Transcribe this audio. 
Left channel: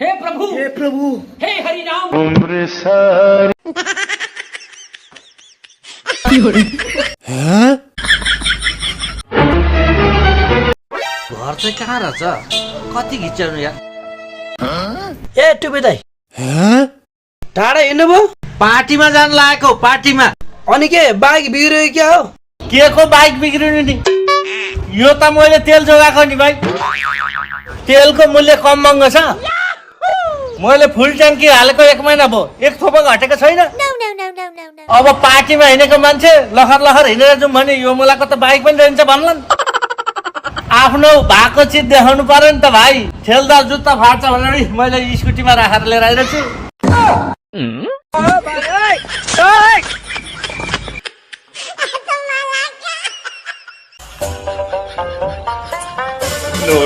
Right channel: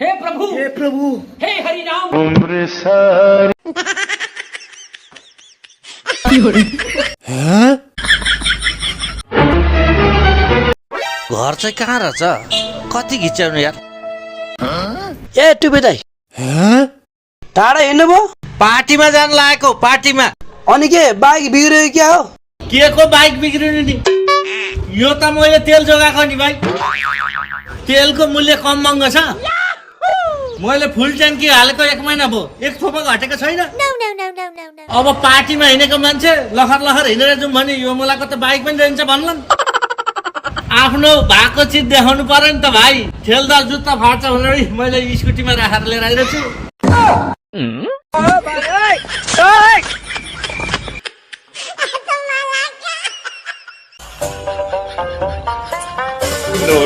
हे प्रभु हे हरि राम। घर चाहिँ कहाँ रहेछ? कति घिच्याउनु यार? ए टुपे दाइ टाढा हिँड्नुभयो? पार्टीमा जान लागेको, पार्टीमा। अनि के बाइक बिग्रियो क्या हो? के को बाइक बिग्रिनु नि? यो त मैले तेल जोगाएको नि भाइ। तेलको मूल्य कम महँगो छ। मैले फुल ट्याङ्की हालेको 1 महिना भयो, 1 थोपा घटेको छैन। अब पार्टीमा हिँडेको मान्छे लखर लखर हिँडेर जाउँ भने यो मुलाको त बाइक पनि रहन्छ भन्लान्। आफ्नो भएको चिज देखाउनु पर्यो नि त भाइ। ठेलदार जुत्ता फाट्छ भनेर मैले स्कुटीमा राखेर लिएर आइरहेको छु। No.